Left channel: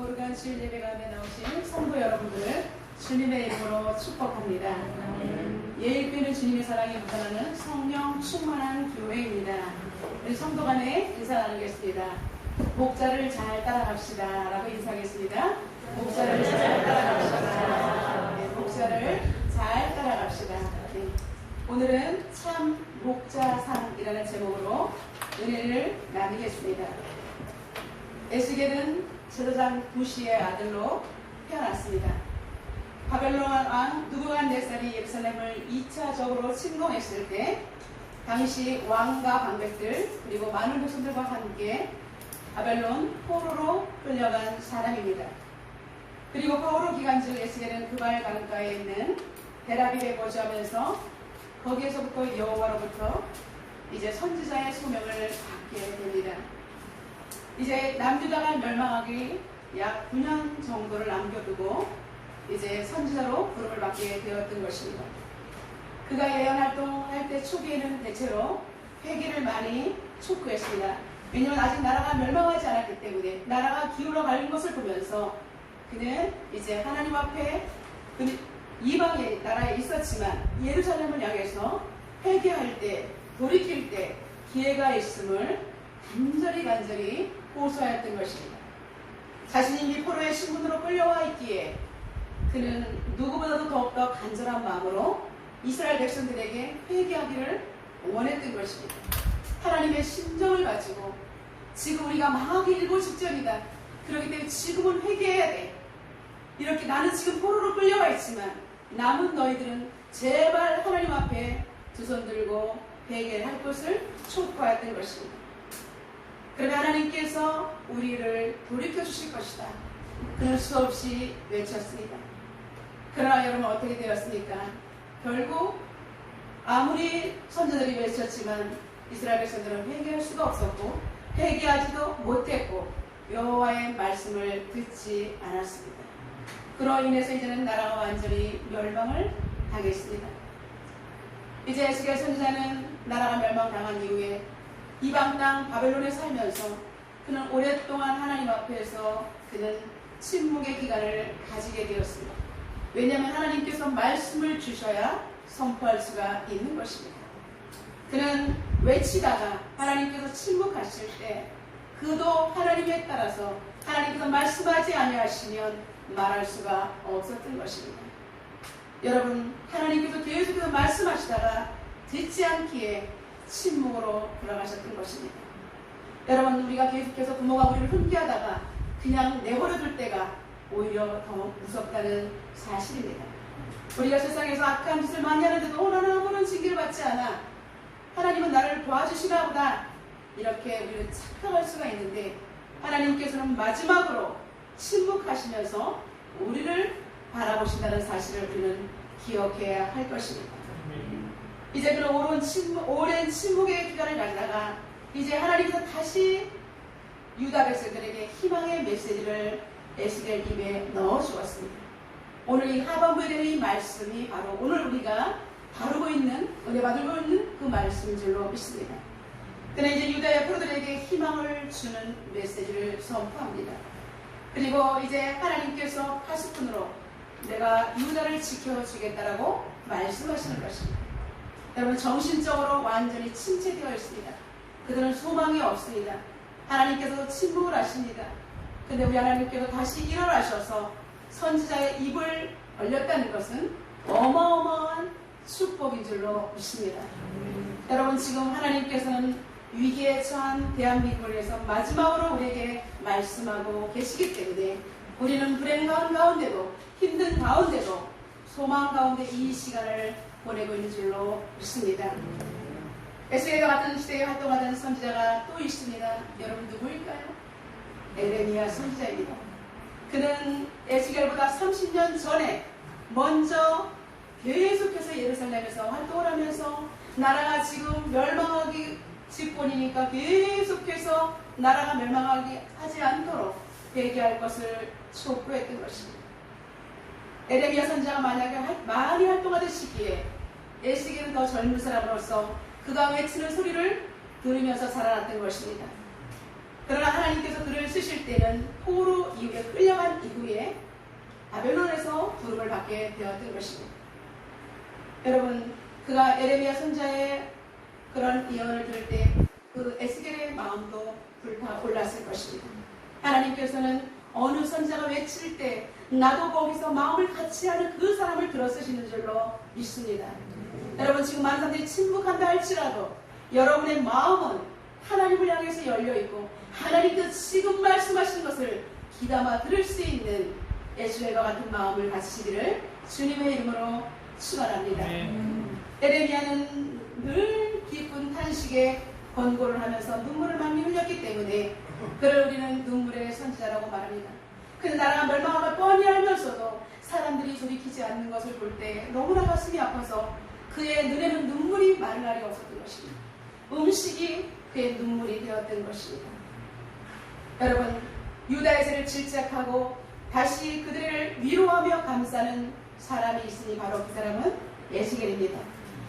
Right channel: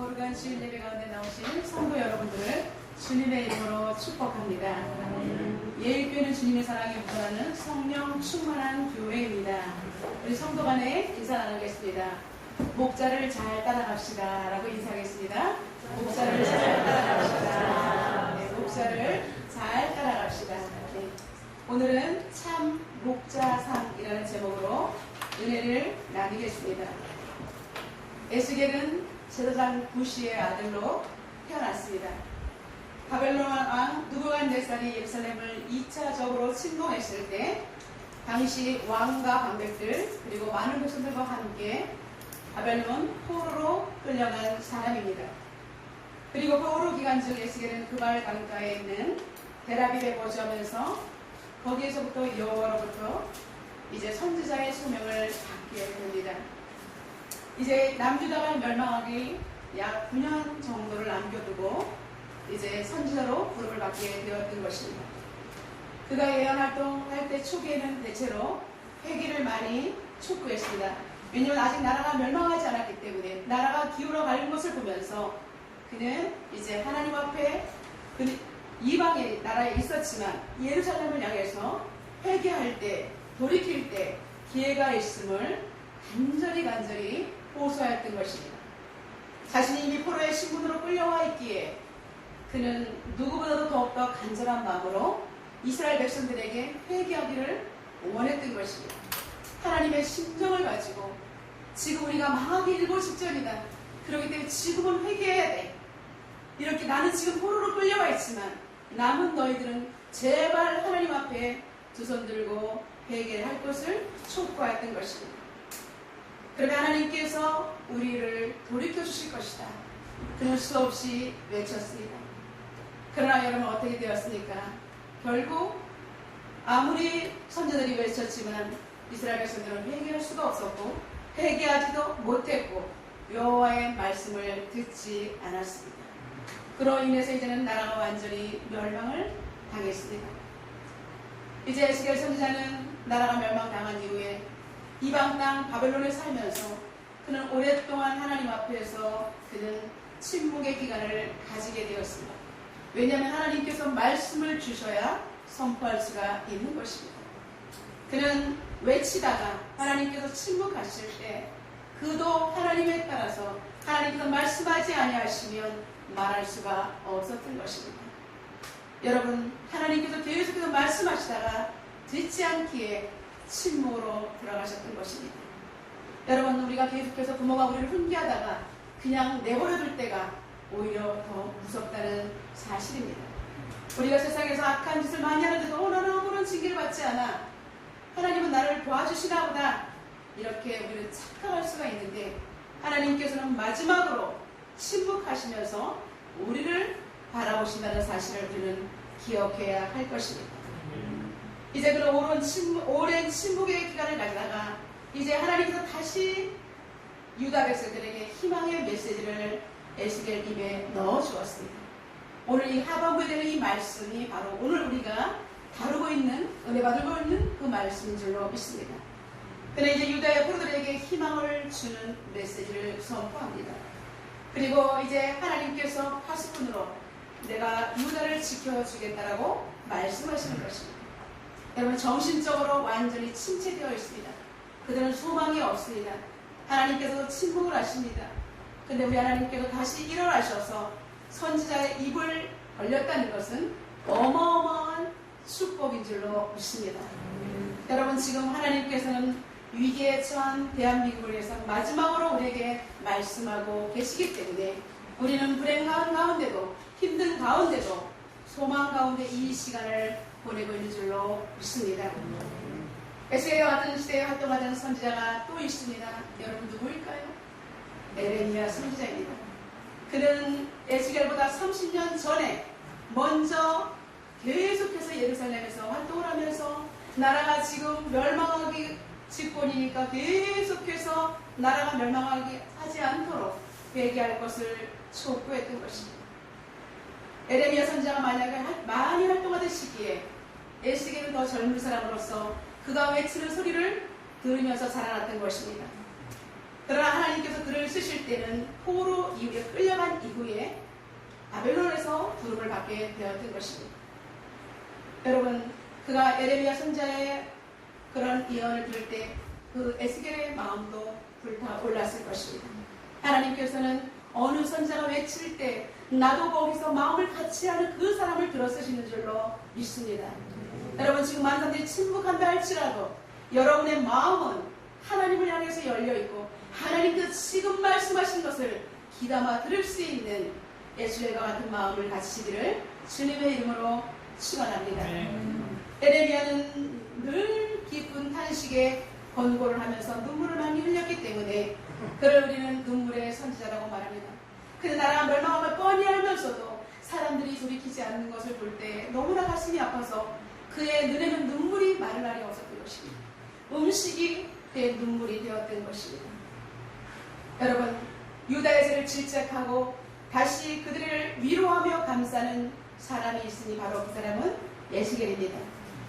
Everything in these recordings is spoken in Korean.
거룩한 주일 예배 가운데 나오신 성도 여러분들을 주님의 이름으로 축복합니다. 예일교회는 주님의 사랑이 묻어나는 성령 충만한 교회입니다. 우리 성도 간에 인사 나누겠습니다. 목자를 잘 따라갑시다 라고 인사하겠습니다. 목자를 잘 따라갑시다. 네, 목자를 잘 따라갑시다. 네. 오늘은 참 목자상이라는 제목으로 은혜를 나누겠습니다. 에스겔은 제사장 부시의 아들로 태어났습니다. 바벨론 왕 느부갓네살이 예루살렘을 2차적으로 침공했을 때 당시 왕과 방백들 그리고 많은 백성들과 함께 바벨론 포로로 끌려간 사람입니다. 그리고 포로 기간 중 에스겔은 그발 강가에 있는 데라빌에 거주하면서 거기에서부터 여호와로부터 이제 선지자의 소명을 받게 됩니다. 이제 남유다가 멸망하기 약 9년 정도를 남겨두고 이제 선지자로 부름을 받게 되었던 것입니다. 그가 예언 활동할 때 초기에는 대체로 회개를 많이 촉구했습니다. 왜냐하면 아직 나라가 멸망하지 않았기 때문에 나라가 기울어 가는 것을 보면서 그는 이제 하나님 앞에 이방의 나라에 있었지만 예루살렘을 향해서 회개할 때 돌이킬 때 기회가 있음을 간절히 호소하였던 것입니다. 자신이 이미 포로의 신분으로 끌려와 있기에 그는 누구보다도 더욱더 간절한 마음으로 이스라엘 백성들에게 회개하기를 원했던 것입니다. 하나님의 심정을 가지고 지금 우리가 망하기 일보 직전이다. 그렇기 때문에 지금은 회개해야 돼. 이렇게 나는 지금 포로로 끌려와 있지만 남은 너희들은 제발 하나님 앞에 두 손 들고 회개를 할 것을 촉구하였던 것입니다. 그러면 하나님께서 우리를 돌이켜 주실 것이다. 그는 수없이 외쳤습니다. 그러나 여러분 어떻게 되었습니까? 결국 아무리 선지자들이 외쳤지만 이스라엘 백성들은 회개할 수가 없었고 회개하지도 못했고 여호와의 말씀을 듣지 않았습니다. 그로 인해서 이제는 나라가 완전히 멸망을 당했습니다. 이제 에스겔 선지자는 나라가 멸망당한 이후에 이방 땅 바벨론에 살면서 그는 오랫동안 하나님 앞에서 그는 침묵의 기간을 가지게 되었습니다. 왜냐하면 하나님께서 말씀을 주셔야 선포할 수가 있는 것입니다. 그는 외치다가 하나님께서 침묵하실 때 그도 하나님에 따라서 하나님께서 말씀하지 아니하시면 말할 수가 없었던 것입니다. 여러분 하나님께서 계속해서 말씀하시다가 듣지 않기에 침묵으로 들어가셨던 것입니다. 여러분 우리가 계속해서 부모가 우리를 훈계하다가 그냥 내버려둘 때가 오히려 더 무섭다는 사실입니다. 우리가 세상에서 악한 짓을 많이 하는데도 나는 아무런 징계를 받지 않아. 하나님은 나를 도와주시나 보다. 이렇게 우리는 착각할 수가 있는데 하나님께서는 마지막으로 침묵하시면서 우리를 바라보신다는 사실을 우리는 기억해야 할 것입니다. 이제 그런 오랜 침묵의 기간을 가지다가 이제 하나님께서 다시 유다 백성들에게 희망의 메시지를 에스겔 입에 넣어 주었습니다. 오늘 이 하반부에 되는 이 말씀이 바로 오늘 우리가 다루고 있는 은혜 받고 있는 그 말씀인 줄로 믿습니다. 그는 이제 유다의 포로들에게 희망을 주는 메시지를 선포합니다. 그리고 이제 하나님께서 80분으로 내가 유다를 지켜주겠다라고 말씀하시는 것입니다. 여러분 정신적으로 완전히 침체되어 있습니다. 그들은 소망이 없습니다. 하나님께서 침묵을 하십니다. 근데 우리 하나님께서 다시 일어나셔서 선지자의 입을 벌렸다는 것은 어마어마한 축복인 줄로 믿습니다. 여러분 지금 하나님께서는 위기에 처한 대한민국을 위해서 마지막으로 우리에게 말씀하고 계시기 때문에 우리는 불행한 가운데도 힘든 가운데도 소망 가운데 이 시간을 보내고 있는 줄로 믿습니다. 에스겔과 같은 시대에 활동하는 선지자가 또 있습니다. 여러분 누구일까요? 에레미야 선지자입니다. 그는 에스겔보다 30년 전에 먼저 계속해서 예루살렘에서 활동을 하면서 나라가 지금 멸망하기 직권이니까 계속해서 나라가 멸망하지 않도록 회개할 것을 촉구했던 것입니다. 에레미야 선지자가 만약에 많이 활동하던 시기에 에스겔은 더 젊은 사람으로서 그가 외치는 소리를 들으면서 자라났던 것입니다. 그러나 하나님께서 그를 쓰실 때는 포로 이후에 끌려가 때문에 바벨론에서 부름을 받게 되었던 것입니다. 여러분, 그가 에레미야 선지자의 그런 예언을 들을 때 그 에스겔의 마음도 불타올랐을 것입니다. 하나님께서는 어느 선지자가 외칠 때 나도 거기서 마음을 같이 하는 그 사람을 들어쓰시는 줄로 믿습니다. 여러분, 지금 많은 사람들이 침묵한다 할지라도 여러분의 마음은 하나님을 향해서 열려있고 하나님께서 지금 말씀하신 것을 귀담아 들을 수 있는 에스겔과 같은 마음을 가지시기를 주님의 이름으로 축원합니다. 에레미야는 늘 깊은 탄식에 권고를 하면서 눈물을 많이 흘렸기 때문에 그를 우리는 눈물의 선지자라고 말합니다. 그 나라가 멸망함을 뻔히 알면서도 사람들이 돌이키지 않는 것을 볼 때 너무나 가슴이 아파서 그의 눈에는 눈물이 마를 날이 없었던 것입니다. 음식이 그의 눈물이 되었던 것입니다. 여러분, 유다의 죄를 질책하고 다시 그들을 위로하며 감싸는 사람이 있으니 바로 그 사람은 에스겔입니다.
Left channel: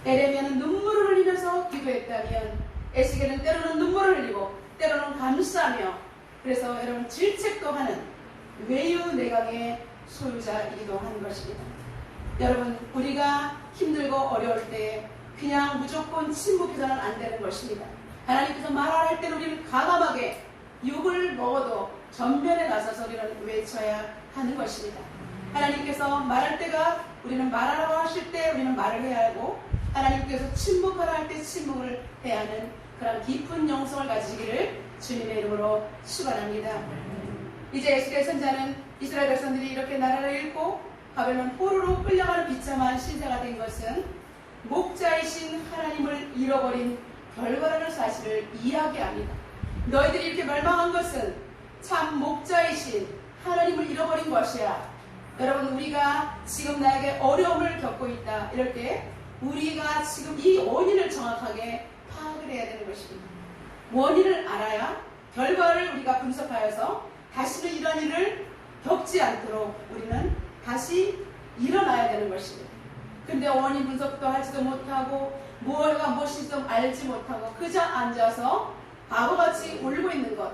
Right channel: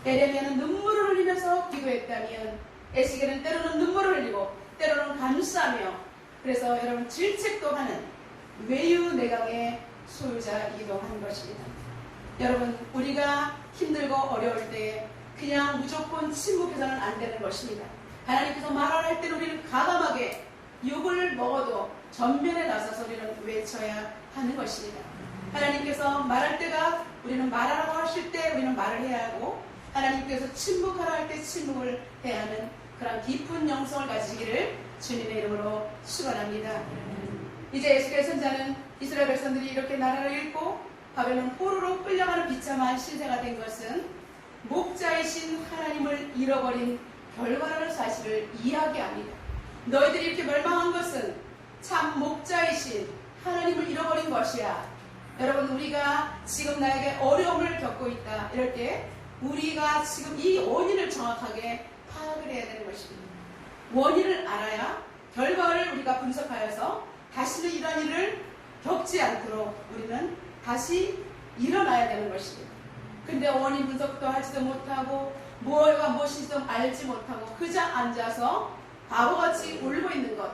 에레미야는 눈물을 흘리면서 기도했다면 에스겔은 때로는 눈물을 흘리고 때로는 감싸며, 그래서 여러분 질책도 하는 외유 내강의 소유자이기도 한 것입니다. 여러분, 우리가 힘들고 어려울 때 그냥 무조건 침묵해서는 안 되는 것입니다. 하나님께서 말하라 할 때는 우리는 과감하게 욕을 먹어도 전면에 나서서 우리는 외쳐야 하는 것입니다. 하나님께서 말할 때가 우리는 말하라고 하실 때 우리는 말을 해야 하고, 하나님께서 침묵하라 할 때 침묵을 해야 하는 그런 깊은 영성을 가지기를 주님의 이름으로 축원합니다. 이제 에스겔 선지자는 이스라엘 백성들이 이렇게 나라를 잃고 바벨론 포로로 끌려가는 비참한 신세가 된 것은 목자이신 하나님을 잃어버린 결과라는 사실을 이야기합니다. 너희들이 이렇게 멸망한 것은 참 목자이신 하나님을 잃어버린 것이야. 여러분, 우리가 지금 나에게 어려움을 겪고 있다 이럴 때 우리가 지금 이 원인을 정확하게 파악을 해야 되는 것입니다. 원인을 알아야 결과를 우리가 분석하여서 다시는 이런 일을 겪지 않도록 우리는 다시 일어나야 되는 것입니다. 근데 원인 분석도 하지도 못하고 뭐가 무엇인지도 알지 못하고 그저 앉아서 바보같이 울고 있는 것,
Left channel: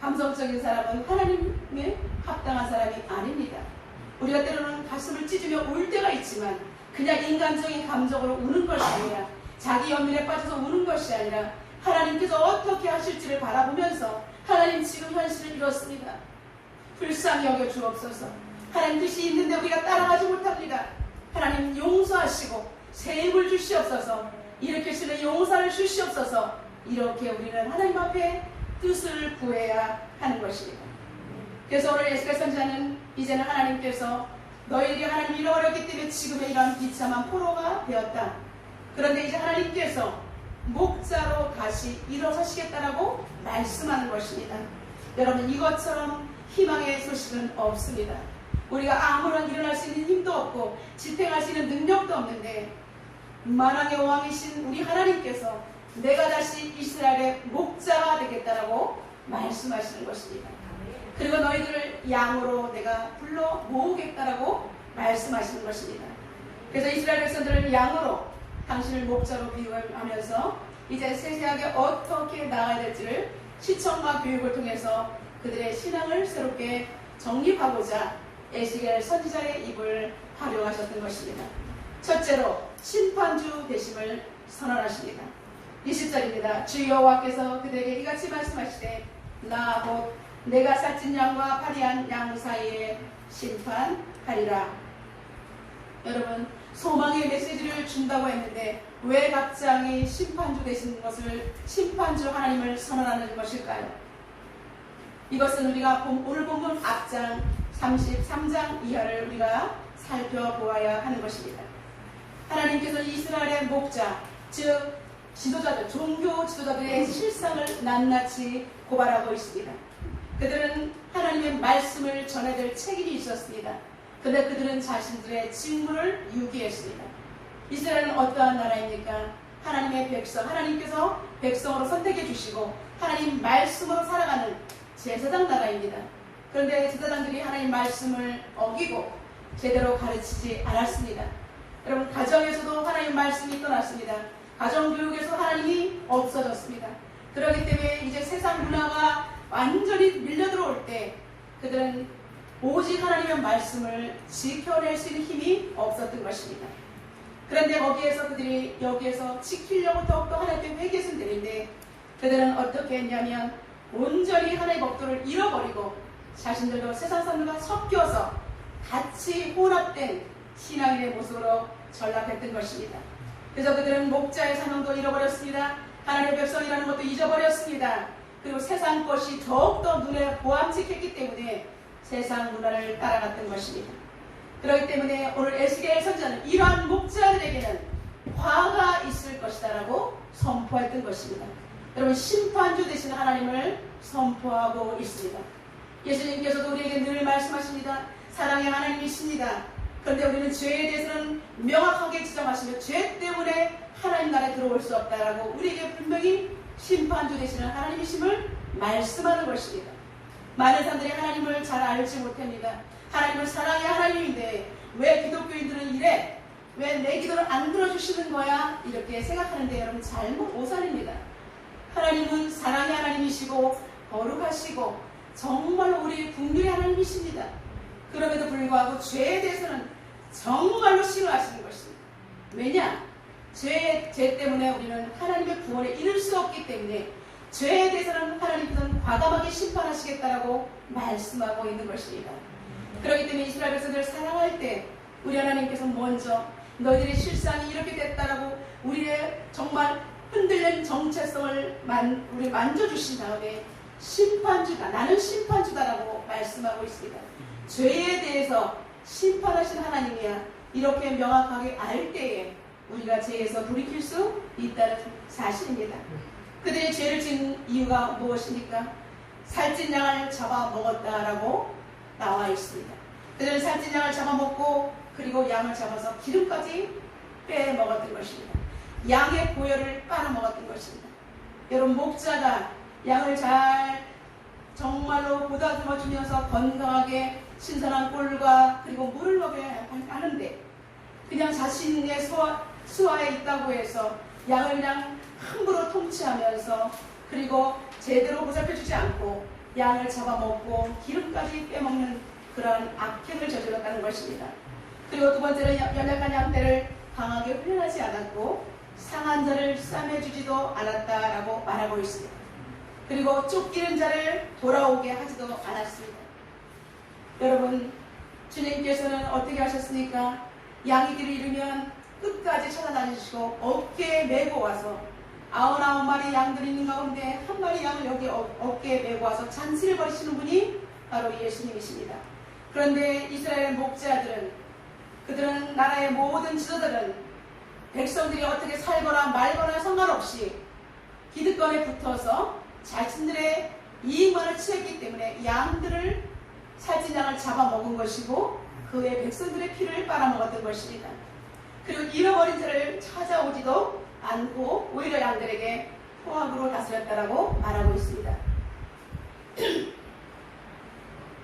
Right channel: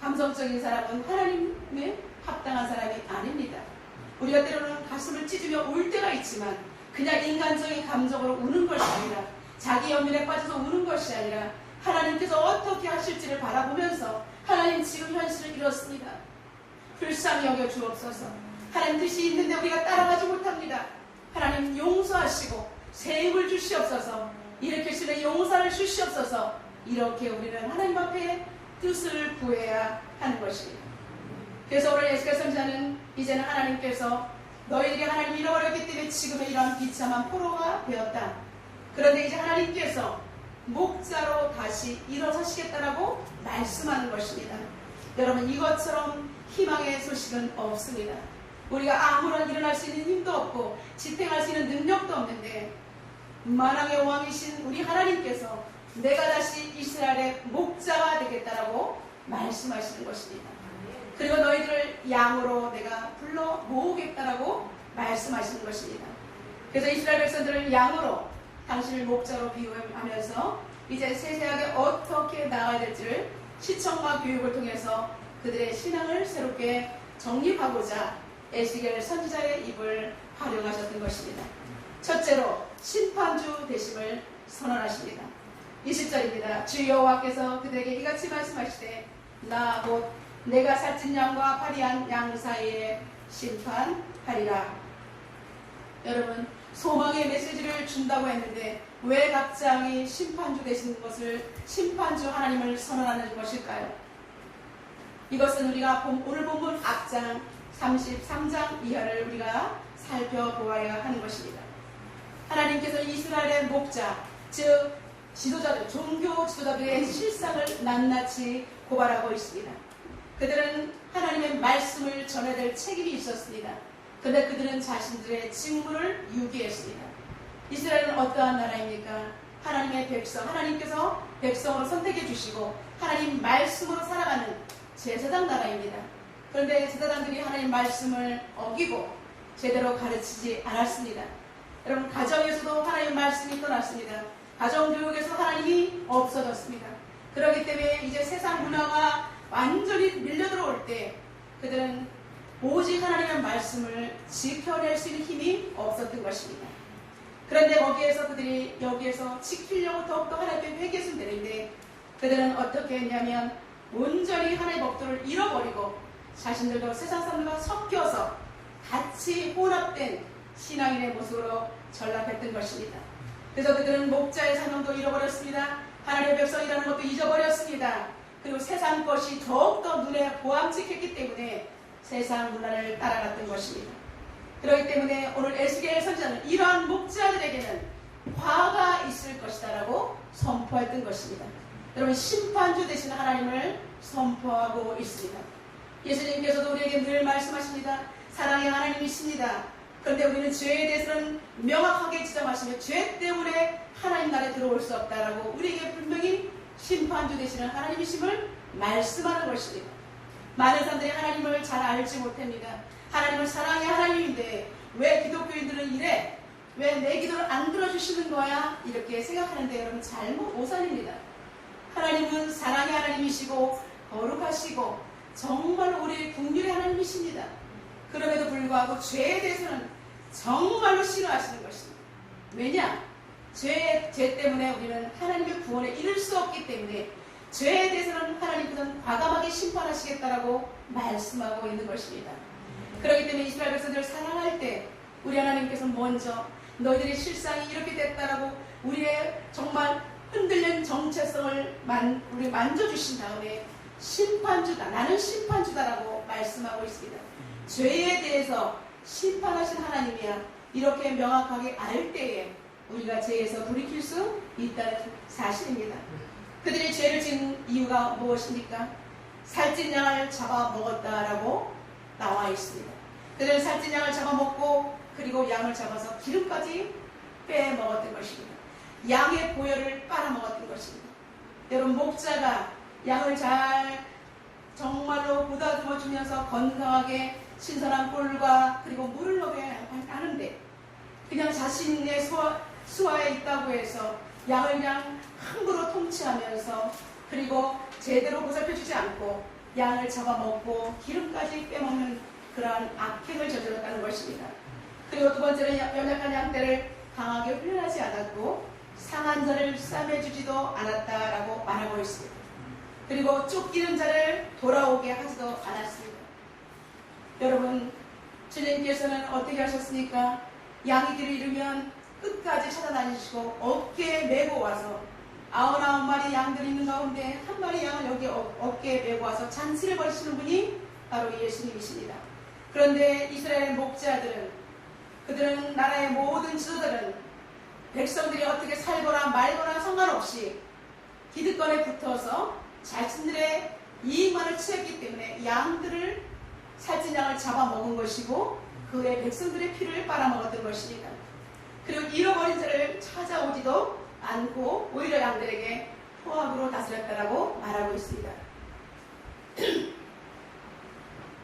감성적인 사람은 하나님의 합당한 사람이 아닙니다. 우리가 때로는 가슴을 찢으며 울 때가 있지만 그냥 인간적인 감정으로 우는 것이 아니라, 자기 연민에 빠져서 우는 것이 아니라 하나님께서 어떻게 하실지를 바라보면서 하나님 지금 현실은 이렇습니다. 불쌍히 여겨 주옵소서. 하나님 뜻이 있는데 우리가 따라가지 못합니다. 하나님 용서하시고 새 힘을 주시옵소서. 일으키시는 용서를 주시옵소서. 이렇게 우리는 하나님 앞에 뜻을 구해야 하는 것입니다. 그래서 오늘 에스겔 선지자는 이제는 하나님께서 너희들이 하나님을 잃어버렸기 때문에 지금의 이런 비참한 포로가 되었다. 그런데 이제 하나님께서 목자로 다시 일어서시겠다라고 말씀하는 것입니다. 여러분, 이것처럼 희망의 소식은 없습니다. 우리가 아무런 일어날 수 있는 힘도 없고 집행할 수 있는 능력도 없는데 만왕의 왕이신 우리 하나님께서 내가 다시 이스라엘의 목자가 되겠다라고 말씀하시는 것입니다. 그리고 너희들을 양으로 내가 불러 모으겠다라고 말씀하시는 것입니다. 그래서 이스라엘 백성들을 양으로, 당신을 목자로 비유하면서 이제 세세하게 어떻게 나아야 될지를 시청과 교육을 통해서 그들의 신앙을 새롭게 정립하고자 에스겔 선지자의 입을 활용하셨던 것입니다. 첫째로 심판주 되심을 선언하십니다. 20절입니다. 주 여호와께서 그들에게 이같이 말씀하시되 나 곧 내가 살찐 양과 파리한 양 사이에 심판하리라. 여러분, 소망의 메시지를 준다고 했는데 왜 갑자기 심판주 되시는 것을, 심판주 하나님을 선언하는 것일까요? 이것은 우리가 오늘 본문 앞장 33장 이하를 우리가 살펴보아야 하는 것입니다. 하나님께서 이스라엘의 목자, 즉 지도자들, 종교 지도자들의 실상을 낱낱이 고발하고 있습니다. 그들은 하나님의 말씀을 전해야 될 책임이 있었습니다. 그런데 그들은 자신들의 직무를 유기했습니다. 이스라엘은 어떠한 나라입니까? 하나님의 백성, 하나님께서 백성으로 선택해 주시고 하나님 말씀으로 살아가는 제사장 나라입니다. 그런데 제사장들이 하나님 말씀을 어기고 제대로 가르치지 않았습니다. 여러분, 가정에서도 하나님 말씀이 떠났습니다. 가정교육에서 하나님이 없어졌습니다. 그렇기 때문에 이제 세상 문화가 완전히 밀려들어올 때 그들은 오직 하나님의 말씀을 지켜낼 수 있는 힘이 없었던 것입니다. 그런데 거기에서 그들이 여기에서 지키려고 더욱더 하나님께 회개했으면 되는데 그들은 어떻게 했냐면 온전히 하나님의 법도를 잃어버리고 자신들도 세상 사람들과 섞여서 같이 혼합된 신앙인의 모습으로 전락했던 것입니다. 그래서 그들은 목자의 사명도 잃어버렸습니다. 하나님의 백성이라는 것도 잊어버렸습니다. 그리고 세상 것이 더욱더 눈에 보암직했기 때문에 세상 문화를 따라갔던 것입니다. 그렇기 때문에 오늘 에스겔 선지자는 이러한 목자들에게는 화가 있을 것이다라고 선포했던 것입니다. 여러분 심판주 되시는 하나님을 선포하고 있습니다. 예수님께서도 우리에게 늘 말씀하십니다. 사랑의 하나님이십니다. 그런데 우리는 죄에 대해서는 명확하게 지정하시며 죄 때문에 하나님 나라에 들어올 수 없다라고 우리에게 분명히 심판주 되시는 하나님이심을 말씀하는 것입니다. 많은 사람들이 하나님을 잘 알지 못합니다. 하나님을 사랑의 하나님인데 왜 기독교인들은 이래? 왜 내 기도를 안 들어주시는 거야? 이렇게 생각하는데 여러분 잘못 오산입니다. 하나님은 사랑의 하나님이시고 거룩하시고 정말로 우리의 긍휼의 하나님이십니다. 그럼에도 불구하고 죄에 대해서는 정말로 싫어하시는 것입니다. 왜냐? 죄 때문에 우리는 하나님의 구원에 이를 수 없기 때문에 죄에 대해서는 하나님께서는 과감하게 심판하시겠다라고 말씀하고 있는 것입니다. 그렇기 때문에 이스라엘 백성들을 사랑할 때 우리 하나님께서 먼저 너희들의 실상이 이렇게 됐다라고 우리의 정말 흔들린 정체성을 우리 만져주신 다음에 심판주다, 나는 심판주다라고 말씀하고 있습니다. 죄에 대해서 심판하신 하나님이야 이렇게 명확하게 알 때에 우리가 죄에서 돌이킬 수 있다는 사실입니다. 그들이 죄를 지은 이유가 무엇입니까? 살찐 양을 잡아먹었다라고 나와 있습니다. 그들은 살찐 양을 잡아먹고 그리고 양을 잡아서 기름까지 빼먹었던 것입니다. 양의 고열을 빨아먹었던 것입니다. 여러분 목자가 양을 잘 정말로 보다듬어주면서 건강하게 신선한 꿀과 그리고 물을 먹여야 하는데 그냥 자신의 수하에 있다고 해서 양을 그냥 함부로 통치하면서 그리고 제대로 보살펴주지 않고 양을 잡아먹고 기름까지 빼먹는 그러한 악행을 저질렀다는 것입니다. 그리고 두 번째는 연약한 양떼를 강하게 훈련하지 않았고 상한 자를 싸매주지도 않았다라고 말하고 있습니다. 그리고 쫓기는 자를 돌아오게 하지도 않았습니다. 여러분 주님께서는 어떻게 하셨습니까? 양이 길을 잃으면 끝까지 찾아다니시고 어깨에 메고 와서 99마리 양들이 있는 가운데 한 마리 양을 여기 어깨에 메고 와서 잔치를 벌이시는 분이 바로 예수님이십니다. 그런데 이스라엘 목자들은 그들은 나라의 모든 지도자들은 백성들이 어떻게 살거나 말거나 상관없이 기득권에 붙어서 자신들의 이익만을 취했기 때문에 양들을 살찐 양을 잡아먹은 것이고 그의 백성들의 피를 빨아먹었던 것입니다. 그리고 잃어버린 자를 찾아오지도 않고 오히려 양들에게 포악으로 다스렸다라고 말하고 있습니다.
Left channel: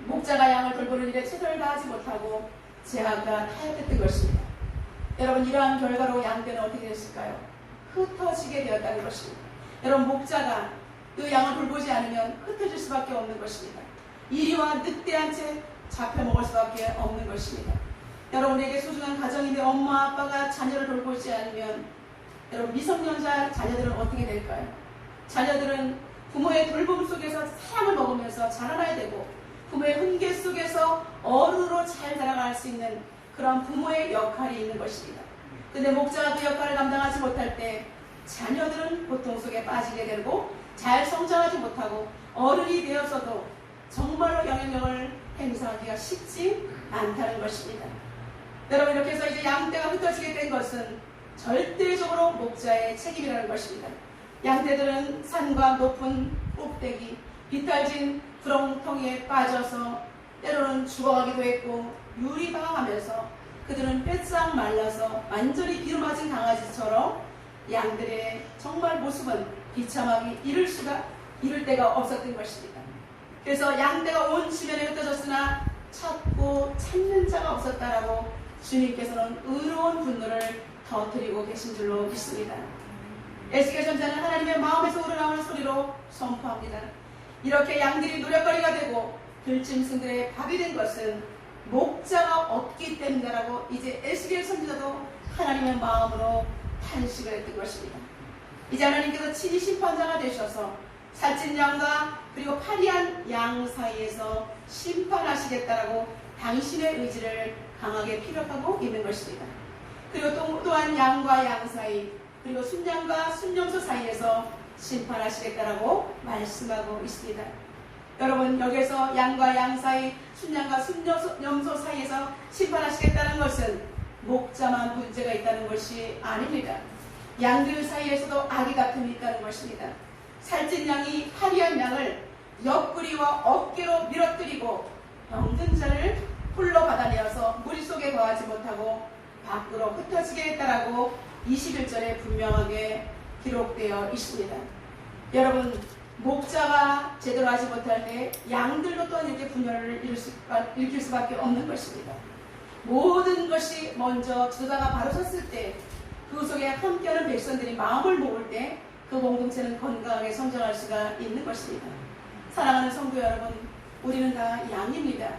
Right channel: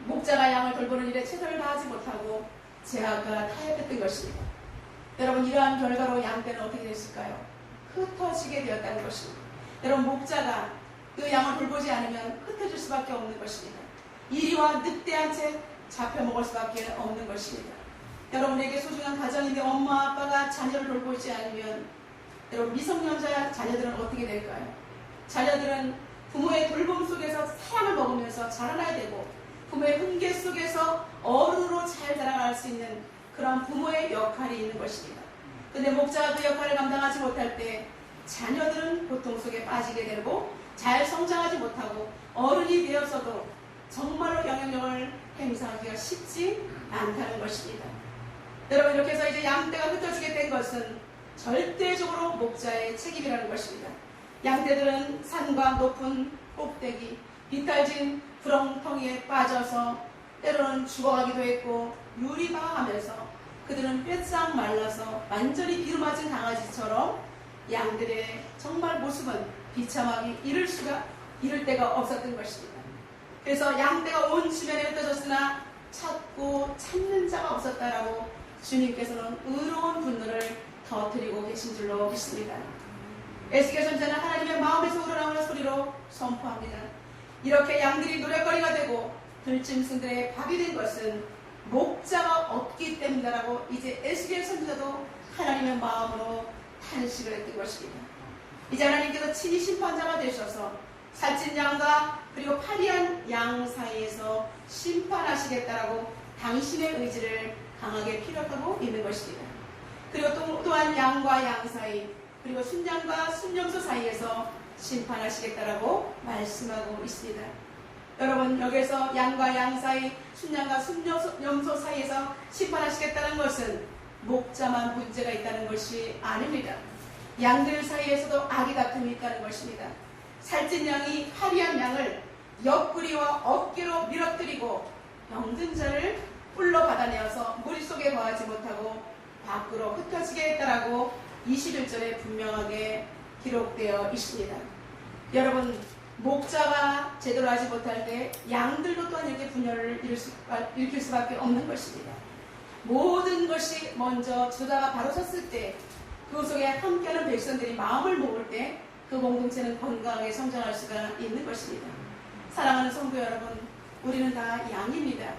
목자가 양을 돌보는 일에 최선을 다하지 못하고 제아가 타협했던 것입니다. 여러분 이러한 결과로 양떼는 어떻게 됐을까요? 흩어지게 되었다는 것입니다. 여러분 목자가 그 양을 돌보지 않으면 흩어질 수밖에 없는 것입니다. 이리와 늑대한 채 잡혀먹을 수밖에 없는 것입니다. 여러분에게 소중한 가정인데 엄마 아빠가 자녀를 돌보지 않으면 여러분 미성년자 자녀들은 어떻게 될까요? 자녀들은 부모의 돌봄 속에서 사랑을 먹으면서 자라나야 되고 부모의 훈계 속에서 어른으로 잘 자라갈 수 있는 그런 부모의 역할이 있는 것입니다. 근데 목자가 그 역할을 감당하지 못할 때 자녀들은 고통 속에 빠지게 되고 잘 성장하지 못하고 어른이 되어서도 정말로 영향력을 행사하기가 쉽지 않다는 것입니다. 여러분 이렇게 해서 이제 양떼가 흩어지게 된 것은 절대적으로 목자의 책임이라는 것입니다. 양떼들은 산과 높은 꼭대기, 비탈진 구렁텅이에 빠져서 때로는 죽어가기도 했고 유리방황하면서 그들은 뼈싹 말라서 완전히 기름맞은 강아지처럼 양들의 정말 모습은 비참하게 이를 데가 없었던 것입니다. 그래서 양떼가 온 주변에 흩어졌으나 찾는 자가 없었다라고 주님께서는 의로운 분노를 터뜨리고 계신 줄로 믿습니다. 에스겔 선지자는 하나님의 마음에서 우러나오는 소리로 선포합니다. 이렇게 양들이 노략거리가 되고 들짐승들의 밥이 된 것은 목자가 없기 때문이라고 이제 에스겔 선지자도 하나님의 마음으로 탄식을 했던 것입니다. 이제 하나님께서 친히 심판자가 되셔서 살찐 양과 그리고 파리한 양 사이에서 심판하시겠다라고 당신의 의지를 강하게 피력하고 있는 것입니다. 그리고 또한 양과 양 사이 그리고 순양과 순염소 사이에서 심판하시겠다라고 말씀하고 있습니다. 여러분, 여기서 양과 양 사이, 순양과 순염소 사이에서 심판하시겠다는 것은 목자만 문제가 있다는 것이 아닙니다. 양들 사이에서도 악의 다툼이 있다는 것입니다. 살찐 양이 파리한 양을 옆구리와 어깨로 밀어뜨리고 병든 자를 홀로 받아내어서 물속에 거하지 못하고 밖으로 흩어지게 했다라고 21절에 분명하게 기록되어 있습니다. 여러분, 목자가 제대로 하지 못할 때 양들도 또한 이렇게 분열을 일으킬 수밖에 없는 것입니다. 모든 것이 먼저 주다가 바로 섰을 때 그 속에 함께하는 백성들이 마음을 모을 때 그 공동체는 건강하게 성장할 수가 있는 것입니다. 사랑하는 성도 여러분, 우리는 다 양입니다.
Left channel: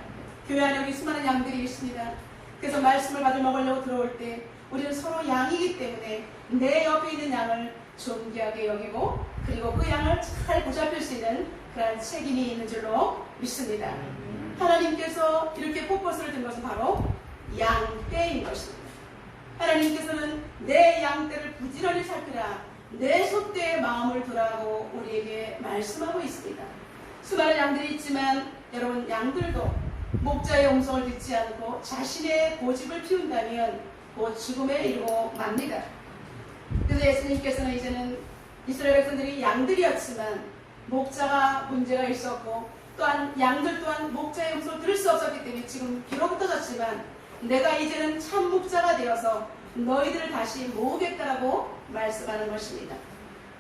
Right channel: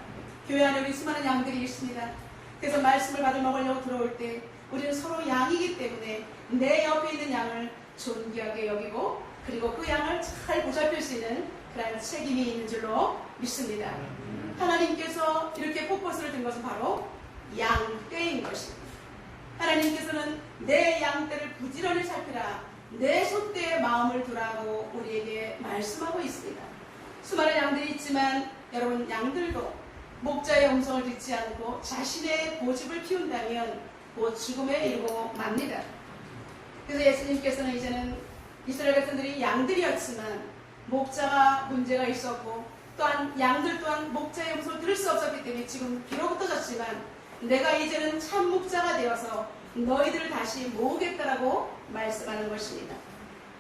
교회 안에 우리 수많은 양들이 있습니다. 그래서 말씀을 받아 먹으려고 들어올 때 우리는 서로 양이기 때문에 내 옆에 있는 양을 존귀하게 여기고 그리고 그 양을 잘 보살필 수 있는 그런 책임이 있는 줄로 믿습니다. 하나님께서 이렇게 포커스를 둔 것은 바로 양떼인 것입니다. 하나님께서는 내 양떼를 부지런히 살피라, 내 소떼의 마음을 두라고 우리에게 말씀하고 있습니다. 수많은 양들이 있지만 여러분, 양들도 목자의 음성을 듣지 않고 자신의 고집을 피운다면 곧 죽음에 이르고 맙니다. 그래서 예수님께서는 이제는 이스라엘 백성들이 양들이었지만 목자가 문제가 있었고 또한 양들 또한 목자의 음성을 들을 수 없었기 때문에 지금 비록 흩어졌지만 내가 이제는 참 목자가 되어서 너희들을 다시 모으겠다라고 말씀하는 것입니다.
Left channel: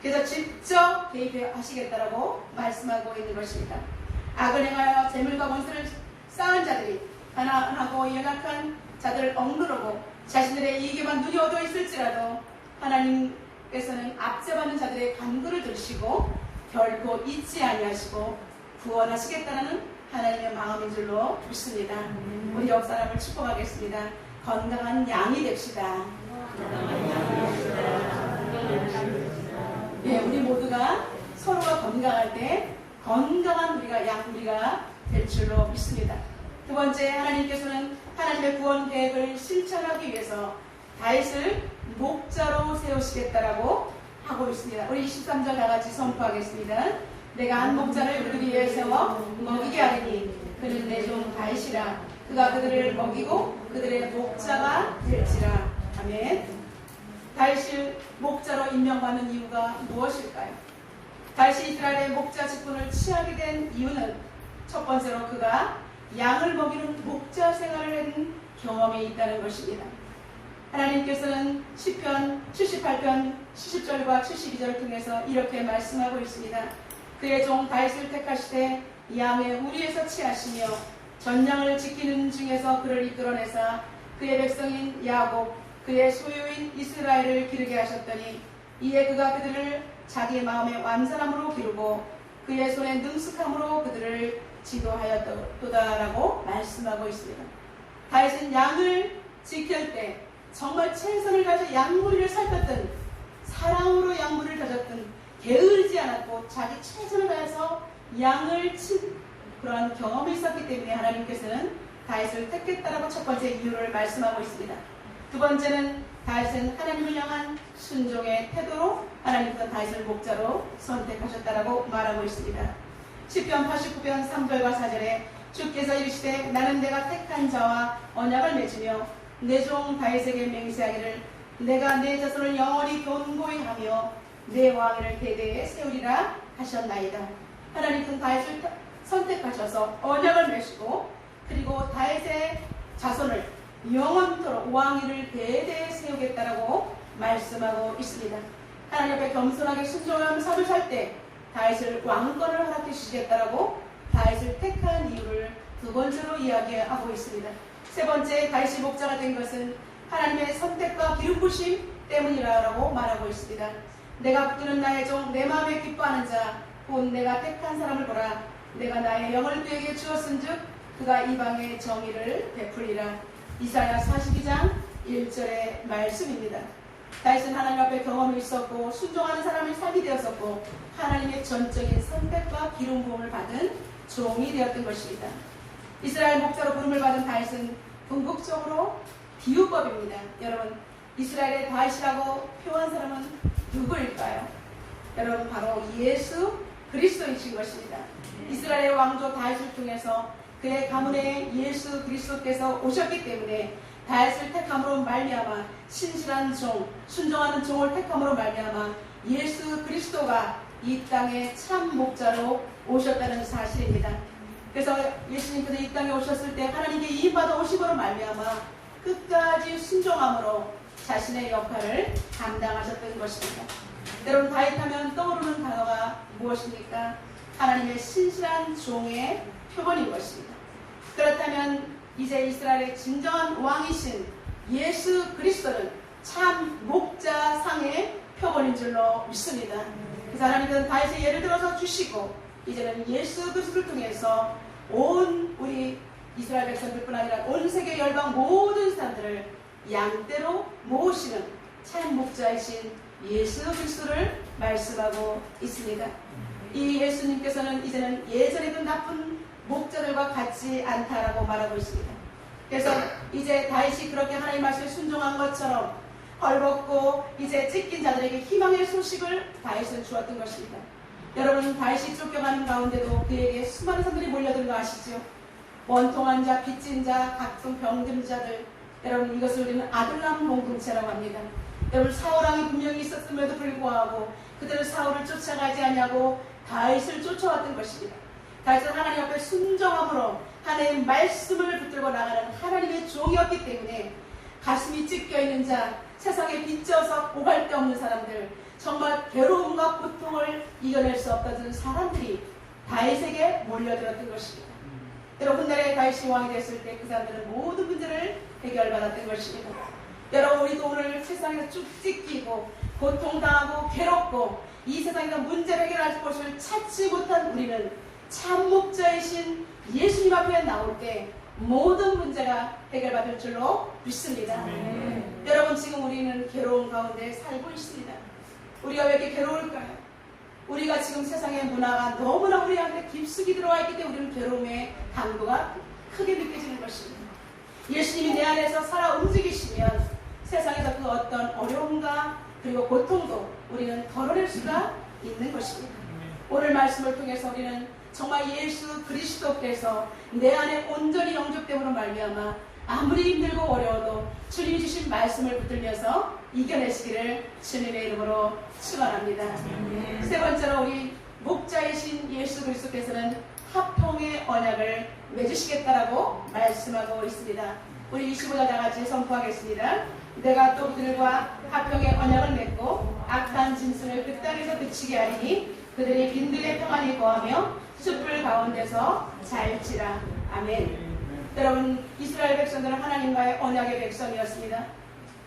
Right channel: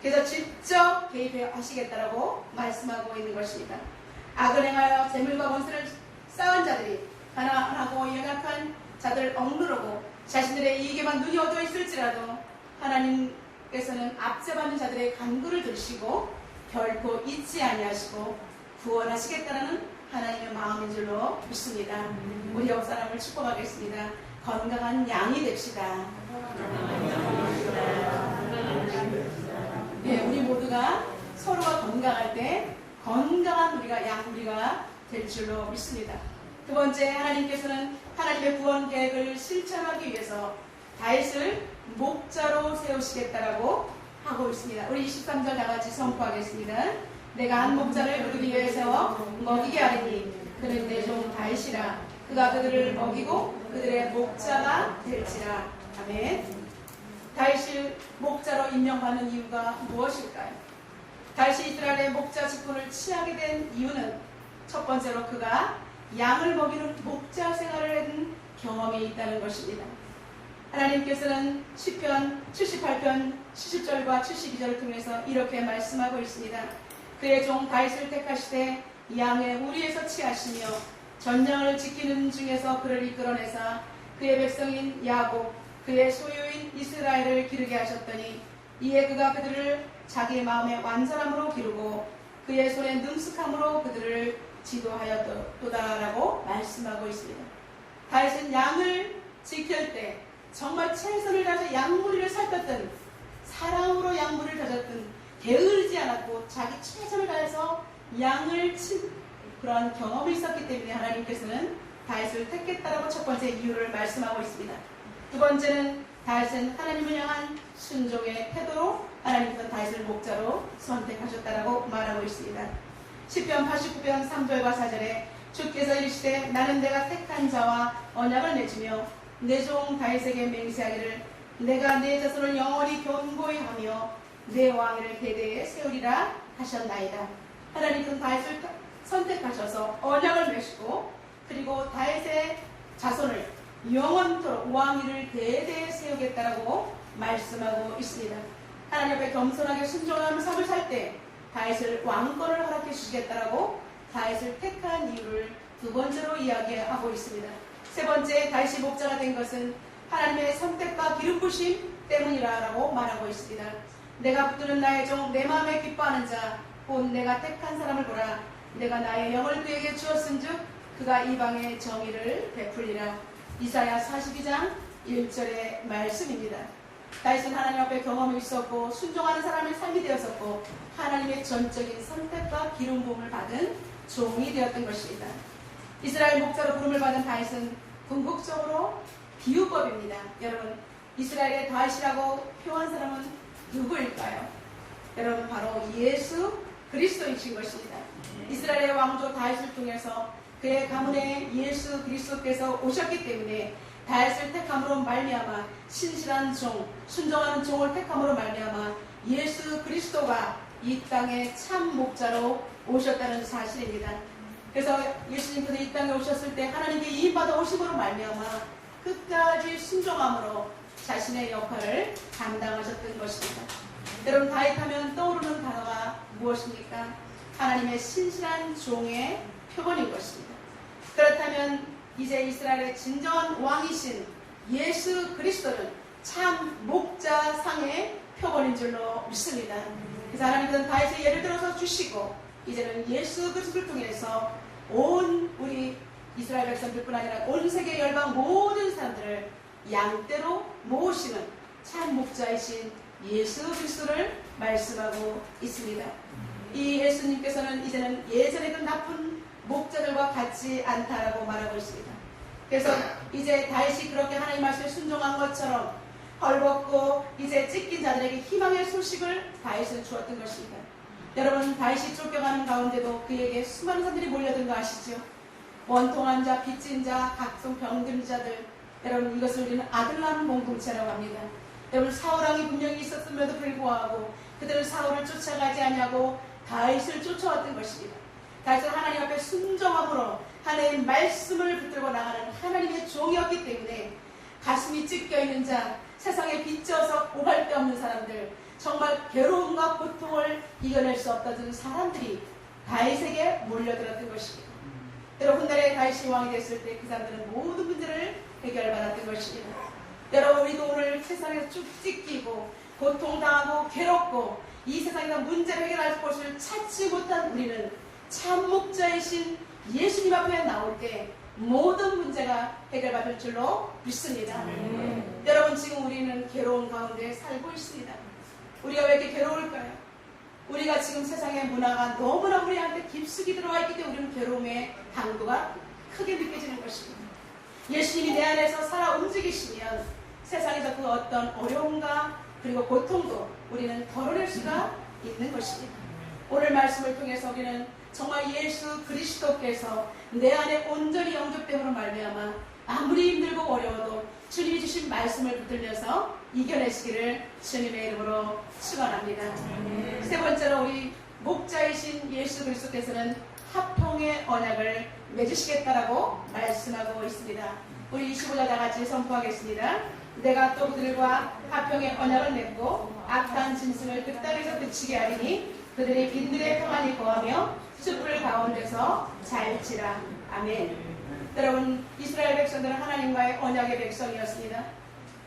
그래서 직접 개입하시겠다라고 말씀하고 있는 것입니다. 악을 행하여 재물과 원수를 쌓은 자들이 가난하고 연약한 자들을 억누르고 자신들의 이익에만 눈이 어두워 있을지라도 하나님께서는 압제받는 자들의 간구를 들으시고 결코 잊지 아니하시고 구원하시겠다는 하나님의 마음인 줄로 믿습니다. 우리 옆 사람을 축복하겠습니다. 건강한 양이 됩시다. 예, 우리 모두가 서로가 건강할 때 건강한 우리가 될 줄로 믿습니다. 두 번째, 하나님께서는 하나님의 구원 계획을 실천하기 위해서 다윗을 목자로 세우시겠다라고 하고 있습니다. 우리 23절 다 같이 선포하겠습니다. 내가 한 목자를 그들이 위해 세워 먹이게 하리니 그는 내 종 다윗이라. 그가 그들을 먹이고 그들의 목자가 될지라. 아멘. 다윗을 목자로 임명받는 이유가 무엇일까요? 다윗이 이스라엘의 목자 직분을 취하게 된 이유는 첫 번째로 그가 양을 먹이는 목자 생활을 한 경험이 있다는 것입니다. 하나님께서는 시편 78편 70절과 72절을 통해서 이렇게 말씀하고 있습니다. 그의 종 다윗을 택하시되 양의 우리에서 취하시며 전량을 지키는 중에서 그를 이끌어내사 그의 백성인 야곱 그의 소유인 이스라엘을 기르게 하셨더니 이에 그가 그들을 자기 마음의 완전함으로 기르고 그의 손의 능숙함으로 그들을 지도하였도다라고 말씀하고 있습니다. 다윗은 양을 지킬 때 정말 최선을 다해서 양무리를 살폈던, 사랑으로 양무리를 다졌던, 게으르지 않았고 자기 최선을 다해서 양을 친 그러한 경험이 있었기 때문에 하나님께서는 다윗을 택했다라고 첫 번째 이유를 말씀하고 있습니다. 두 번째는 다윗은 하나님을 향한 순종의 태도로 하나님께서 다윗을 목자로 선택하셨다라고 말하고 있습니다. 시편 89편 3절과 4절에 주께서 이르시되 나는 내가 택한 자와 언약을 맺으며 내 종 다윗에게 맹세하기를 내가 내 자손을 영원히 견고히 하며 내 왕위를 대대에 세우리라 하셨나이다. 하나님은 다윗을 선택하셔서 언약을 맺으시고 그리고 다윗의 자손을 영원토록 왕위를 대대에 세우겠다라고 말씀하고 있습니다. 하나님 앞에 겸손하게 순종하며 삶을 살 때 다윗을 왕권을 허락해 주시겠다라고 다윗을 택한 이유를 두 번째로 이야기하고 있습니다. 세 번째, 다윗이 목자가 된 것은 하나님의 선택과 기름 부심 때문이라고 말하고 있습니다. 내가 붙드는 나의 종 내 마음에 기뻐하는 자 곧 내가 택한 사람을 보라. 내가 나의 영을 그에게 주었은즉 그가 이방의 정의를 베풀리라. 이사야 42장 1절의 말씀입니다. 다윗은 하나님 앞에 경험이 있었고 순종하는 사람의 삶이 되었었고 하나님의 전적인 선택과 기름 부음을 받은 종이 되었던 것입니다. 이스라엘 목자로 부름을 받은 다윗은 궁극적으로 비유법입니다. 여러분, 이스라엘의 다윗이라고 표한 사람은 누구일까요? 여러분, 바로 예수 그리스도이신 것입니다. 이스라엘의 왕조 다윗을 통해서 그의 가문에 예수 그리스도께서 오셨기 때문에 다윗을 택함으로 말미암아 신실한 종, 순종하는 종을 택함으로 말미암아 예수 그리스도가 이 땅에 참 목자로 오셨다는 사실입니다. 그래서 예수님께서 이 땅에 오셨을 때 하나님께 이임받아 오심으로 말미암아 끝까지 순종함으로 자신의 역할을 감당하셨던 것입니다. 여러분, 다윗하면 떠오르는 단어가 무엇입니까? 하나님의 신실한 종의 표본인 것입니다. 그렇다면 이제 이스라엘의 진정한 왕이신 예수 그리스도는 참 목자상의 표본인 줄로 믿습니다. 그래서 하나님께서는 다윗의 예를 들어서 주시고 이제는 예수 그리스도를 통해서 온 우리 이스라엘 백성들뿐 아니라 온 세계 열방 모든 사람들을 양떼로 모으시는 참 목자이신 예수 그리스도를 말씀하고 있습니다. 이 예수님께서는 이제는 예전에도 나쁜 목자들과 같지 않다라고 말하고 있습니다. 그래서 이제 다윗이 그렇게 하나님 말씀에 순종한 것처럼 헐벗고 이제 찢긴 자들에게 희망의 소식을 다윗은 주었던 것입니다. 여러분, 다윗이 쫓겨가는 가운데도 그에게 수많은 사람들이 몰려든 거 아시죠? 원통한 자, 빚진 자, 각종 병든 자들. 여러분, 이것을 우리는 아들 낳는 공동체라고 합니다. 여러분, 사울왕이 분명히 있었음에도 불구하고 그들은 사울을 쫓아가지 않냐고 다윗을 쫓아왔던 것입니다. 다윗은 하나님 앞에 순종함으로 하나님의 말씀을 붙들고 나가는 하나님의 종이었기 때문에 가슴이 찢겨있는 자, 세상에 빚져서 오갈 데 없는 사람들, 정말 괴로움과 고통을 이겨낼 수 없다는 사람들이 다윗에게 몰려들었던 것입니다. 여러분, 훗날에 다윗이 왕이 됐을 때 그 사람들은 모든 문제를 해결받았던 것입니다. 여러분, 우리도 오늘 세상에서 쭉 찢기고 고통당하고 괴롭고 이 세상에서 문제를 해결할 곳을 찾지 못한 우리는 참 목자이신 예수님 앞에 나올 때 모든 문제가 해결받을 줄로 믿습니다. 여러분, 지금 우리는 괴로움 가운데 살고 있습니다. 우리가 왜 이렇게 괴로울까요? 우리가 지금 세상의 문화가 너무나 우리한테 깊숙이 들어와 있기 때문에 우리는 괴로움의 강도가 크게 느껴지는 것입니다. 예수님이 내 안에서 살아 움직이시면 세상에서 그 어떤 어려움과 그리고 고통도 우리는 덜어낼 수가 있는 것입니다. 오늘 말씀을 통해서 우리는 정말 예수 그리스도께서 내 안에 온전히 영접됨으로 말미암아 아무리 힘들고 어려워도 주님이 주신 말씀을 붙들면서 이겨내시기를 주님의 이름으로 축원합니다. 세 번째로 우리 목자이신 예수 그리스도께서는 화평의 언약을 맺으시겠다라고 말씀하고 있습니다. 우리 25절 다같이 선포하겠습니다. 내가 또 그들과 화평의 언약을 맺고 악한 짐승을 그 땅에서 그치게 하리니 그들이 빈들에 평안히 거하며 숯불 가운데서 잘지라. 아멘. 여러분, 이스라엘 백성들은 하나님과의 언약의 백성이었습니다.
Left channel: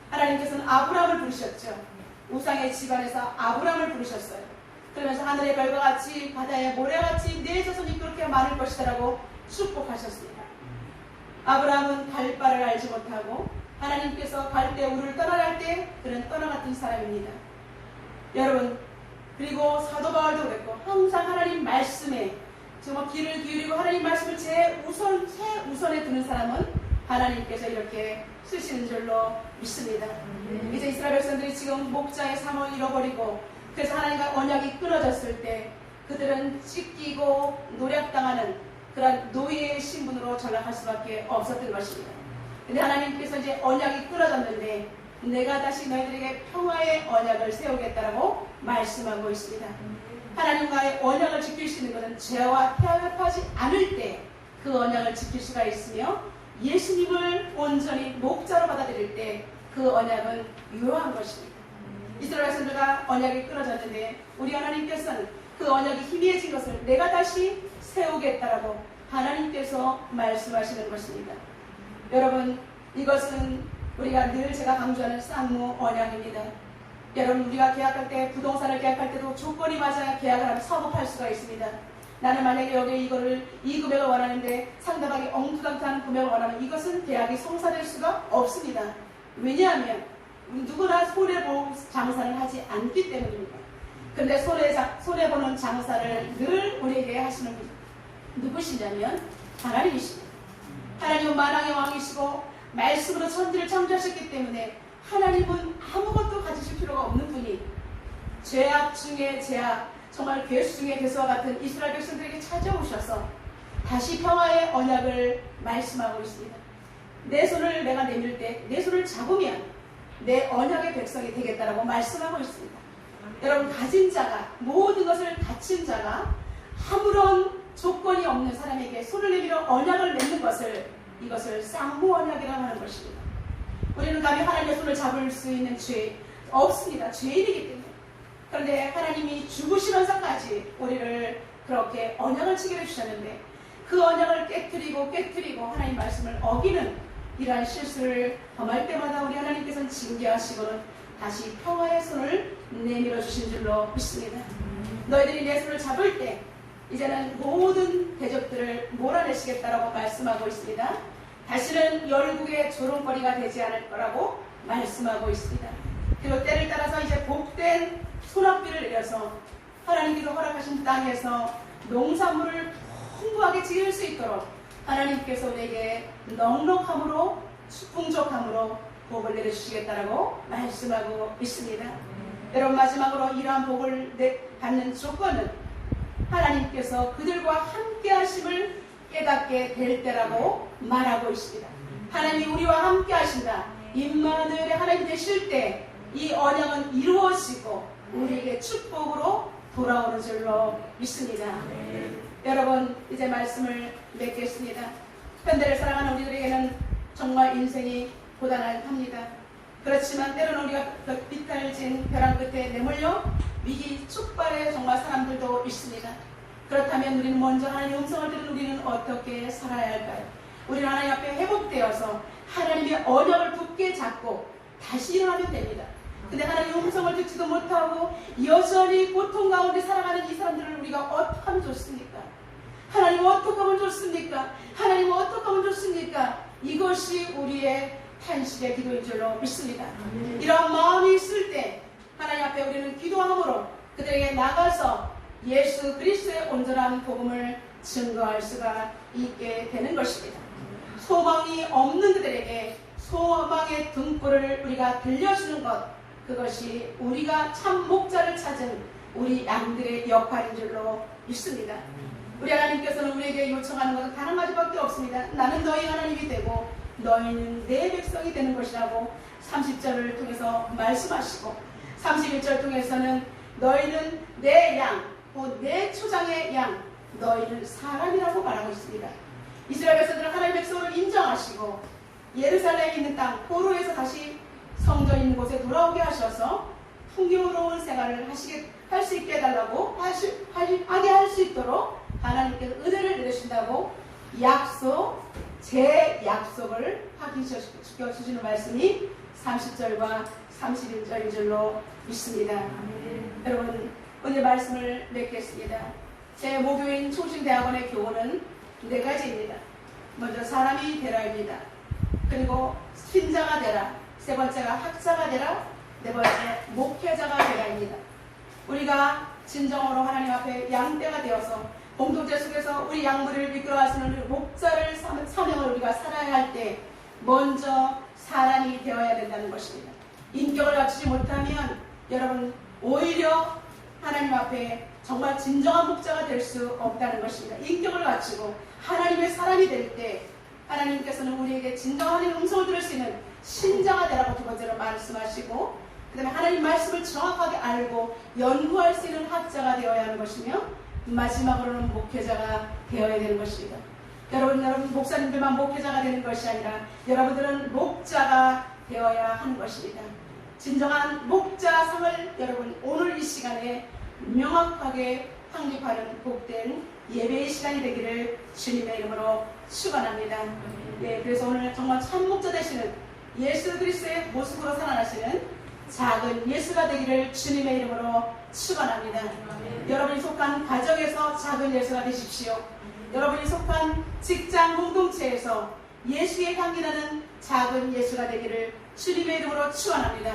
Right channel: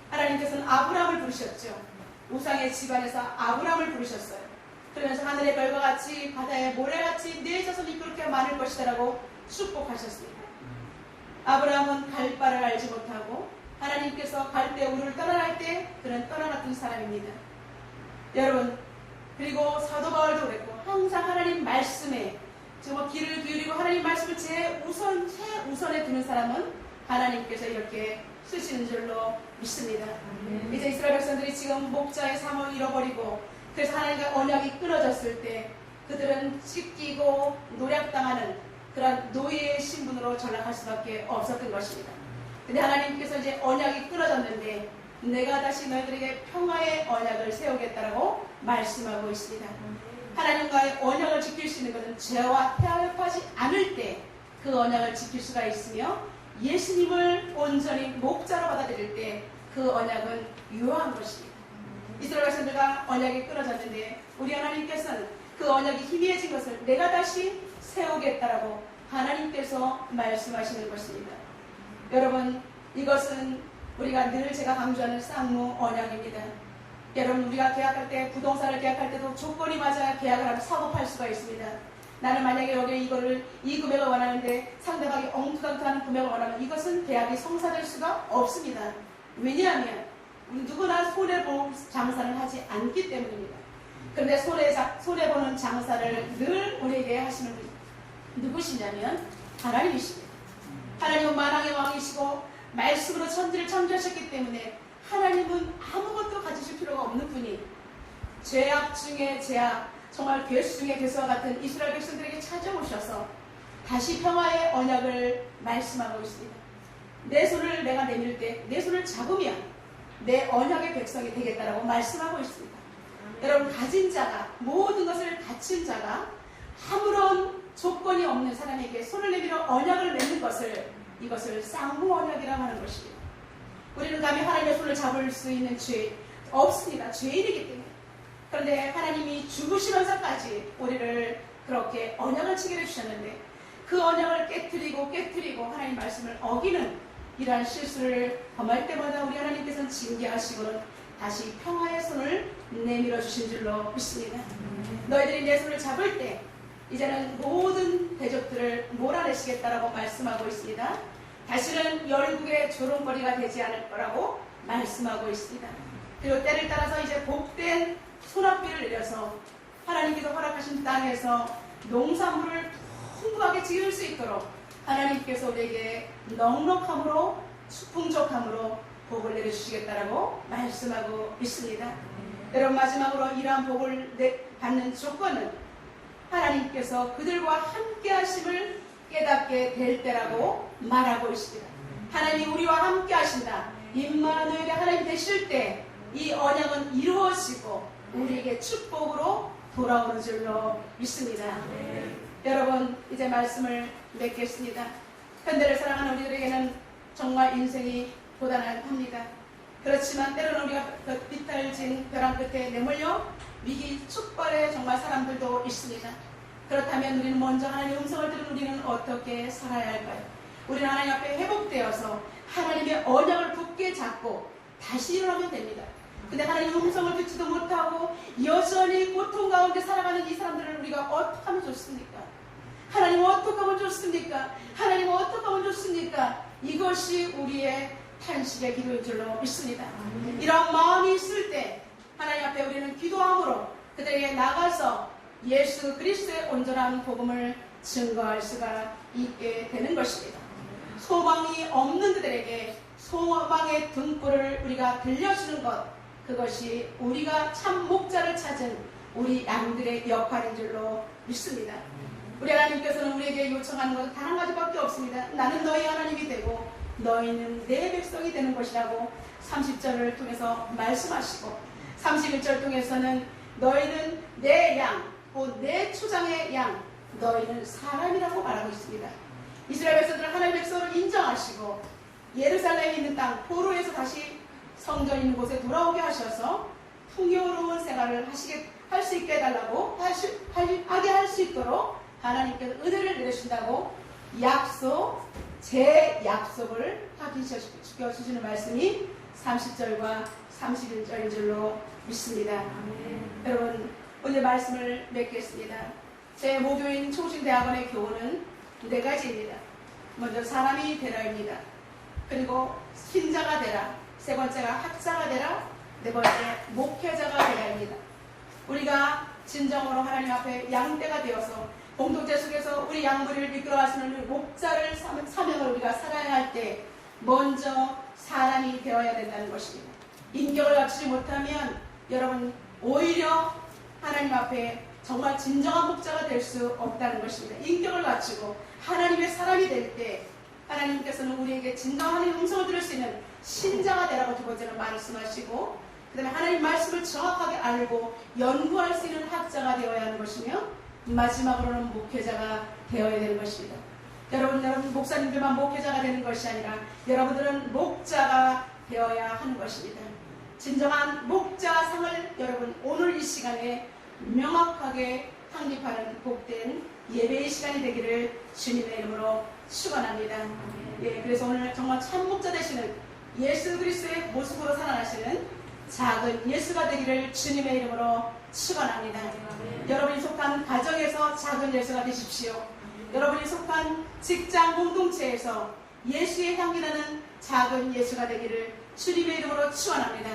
하나님께서는 아브라함을 부르셨죠. 우상의 집안에서 아브라함을 부르셨어요. 그러면서 하늘의 별과 같이 바다의 모래같이 내 자손이 그렇게 많을 것이다라고 축복하셨습니다. 아브라함은 갈 바를 알지 못하고 하나님께서 갈 때 우리를 떠나갈 때 그는 떠나갔던 사람입니다. 여러분, 그리고 사도 바울도 그랬고 항상 하나님 말씀에 정말 귀를 기울이고 하나님 말씀을 최우선에 두는 사람은 하나님께서 이렇게 쓰시는 줄로 믿습니다. 이제 이스라엘 백성들이 지금 목자의 삶을 잃어버리고 그래서 하나님과 언약이 끊어졌을 때 그들은 찢기고 노략당하는 그런 노예의 신분으로 전락할 수밖에 없었던 것입니다. 근데 하나님께서 이제 언약이 끊어졌는데 내가 다시 너희들에게 평화의 언약을 세우겠다라고 말씀하고 있습니다. 하나님과의 언약을 지킬 수 있는 것은 죄와 태합하지 않을 때 그 언약을 지킬 수가 있으며 예수님을 온전히 목자로 받아들일 때 그 언약은 유효한 것입니다. 이스라엘 백성들과 언약이 끊어졌는데 우리 하나님께서는 그 언약이 희미해진 것을 내가 다시 세우겠다라고 하나님께서 말씀하시는 것입니다. 여러분, 이것은 우리가 늘 제가 강조하는 쌍무 언약입니다. 여러분, 우리가 계약할 때 부동산을 계약할 때도 조건이 맞아야 계약을 하면 사고 팔 수가 있습니다. 나는 만약에 여기 이 금액을 원하는데 상대방이 엉뚱한 금액을 원하면 이것은 계약이 성사될 수가 없습니다. 왜냐하면 누구나 손해볼 장사를 하지 않기 때문입니다. 그런데 손해보는 장사를 늘 우리에게 하시는 분 누구시냐면 하나님이십니다. 하나님은 만왕의 왕이시고 말씀으로 천지를 창조하셨기 때문에 하나님은 아무것도 가지실 필요가 없는 분이 죄악 중에 죄악, 정말 괴수 중에 괴수와 같은 이스라엘 백성들에게 찾아오셔서 다시 평화의 언약을 말씀하고 있습니다. 내 손을 내가 내밀 때 내 손을 잡으면 내 언약의 백성이 되겠다라고 말씀하고 있습니다. 여러분, 가진 자가, 모든 것을 갖춘 자가 아무런 조건이 없는 사람에게 손을 내밀어 언약을 맺는 이것을 쌍무 언약이라고 하는 것입니다. 우리는 감히 하나님의 손을 잡을 수 있는 죄 없습니다. 죄인이기 때문에. 그런데 하나님이 죽으시면서까지 우리를 그렇게 언약을 체결해 주셨는데 그 언약을 깨트리고 하나님 말씀을 어기는 이러한 실수를 범할 때마다 우리 하나님께서는 징계하시고는 다시 평화의 손을 내밀어 주신 줄로 믿습니다. 너희들이 내 손을 잡을 때 이제는 모든 대적들을 몰아내시겠다라고 말씀하고 있습니다. 다시는 열국의 조롱거리가 되지 않을 거라고 말씀하고 있습니다. 그리고 때를 따라서 이제 복된 소낙비를 내려서 하나님께서 허락하신 땅에서 농산물을 풍부하게 지을 수 있도록 하나님께서 우리에게 넉넉함으로 풍족함으로 복을 내려주시겠다라고 말씀하고 있습니다. 여러분, 마지막으로 이러한 복을 받는 조건은 하나님께서 그들과 함께 하심을 깨닫게 될 때라고 말하고 있습니다. 하나님이 우리와 함께 하신다. 임마누엘의 하나님 되실 때 이 언약은 이루어지고 우리에게 축복으로 돌아오는 줄로 믿습니다. 여러분, 이제 말씀을 맺겠습니다. 현대를 살아가는 우리들에게는 정말 인생이 고단합니다. 그렇지만 때로는 우리가 비탈진 벼랑 끝에 내몰려 위기 촉발의 정말 사람들도 있습니다. 그렇다면 우리는 먼저 하나님의 음성을 들은 우리는 어떻게 살아야 할까요? 우리는 하나님 앞에 회복되어서 하나님의 언약을 굳게 잡고 다시 일어나면 됩니다. 근데 하나님의 음성을 듣지도 못하고 여전히 고통 가운데 살아가는 이 사람들을 우리가 어떻게 하면 좋습니까? 하나님 어떻게 하면 좋습니까? 하나님 어떻게 하면 좋습니까? 이것이 우리의 탄식의 기도인 줄로 믿습니다. 이런 마음이 있을 때 하나님 앞에 우리는 기도함으로 그들에게 나가서 예수 그리스도의 온전한 복음을 증거할 수가 있게 되는 것입니다. 소망이 없는 그들에게 소망의 등불을 우리가 들려주는 것, 그것이 우리가 참 목자를 찾은 우리 양들의 역할인 줄로 믿습니다. 우리 하나님께서는 우리에게 요청하는 것은 단 한 가지밖에 없습니다. 나는 너희 하나님이 되고 너희는 내 백성이 되는 것이라고 30절을 통해서 말씀하시고 31절 통해서는 너희는 내 양, 곧 내 초장의 양, 너희는 사람이라고 말하고 있습니다. 이스라엘 백성들은 하나님의 백성을 인정하시고 예루살렘에 있는 땅 포로에서 다시 성전 있는 곳에 돌아오게 하셔서 풍요로운 생활을 할 수 있게 해달라고 하게 할 수 있도록 하나님께서 은혜를 내리신다고 제 약속을 확인시켜 주시는 말씀이 30절과 31절인 줄로 믿습니다. 여러분, 오늘 말씀을 맺겠습니다. 제 모교인 총신대학원의 교훈은 4가지입니다. 먼저 사람이 되라입니다. 그리고 신자가 되라. 세 번째가 학자가 되라. 네 번째 목회자가 되라입니다. 우리가 진정으로 하나님 앞에 양떼가 되어서 공동체 속에서 우리 양무리를 이끌어가시는 목자를 사명을 우리가 살아야 할 때 먼저 사람이 되어야 된다는 것입니다. 인격을 갖추지 못하면 여러분 오히려 하나님 앞에 정말 진정한 목자가 될 수 없다는 것입니다. 인격을 갖추고 하나님의 사람이 될 때 하나님께서는 우리에게 진정한 하나님의 음성을 들을 수 있는 신자가 되라고 두 번째로 말씀하시고, 그 다음에 하나님 말씀을 정확하게 알고 연구할 수 있는 학자가 되어야 하는 것이며, 마지막으로는 목회자가 되어야 되는 것입니다. 여러분 목사님들만 목회자가 되는 것이 아니라 여러분들은 목자가 되어야 하는 것입니다. 진정한 목자상을 여러분 오늘 이 시간에 명확하게 확립하는 복된 예배의 시간이 되기를 주님의 이름으로 축원합니다. 그래서 오늘 정말 참목자 되시는 예수 그리스도의 모습으로 살아나시는 작은 예수가 되기를 주님의 이름으로 축원합니다. 여러분이 속한 가정에서 작은 예수가 되십시오. 여러분이 속한 직장 공동체에서 예수의 향기 나는 작은 예수가 되기를 주님의 이름으로 축원합니다.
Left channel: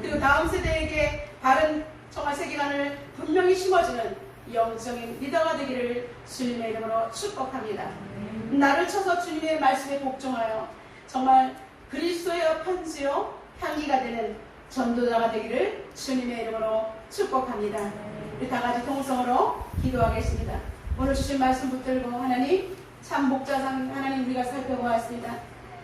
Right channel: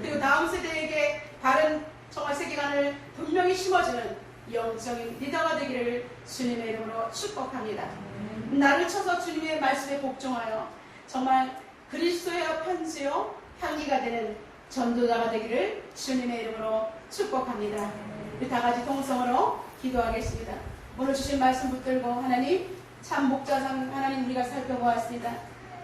그리고 다음 세대에게 바른 정말 세계관을 분명히 심어주는 영적인 리더가 되기를 주님의 이름으로 축복합니다. 나를 쳐서 주님의 말씀에 복종하여 정말 그리스도의 편지요 향기가 되는 전도자가 되기를 주님의 이름으로 축복합니다. 우리 다 같이 통성으로 기도하겠습니다. 오늘 주신 말씀 붙들고 하나님 참 목자상 하나님 우리가 살펴보았습니다.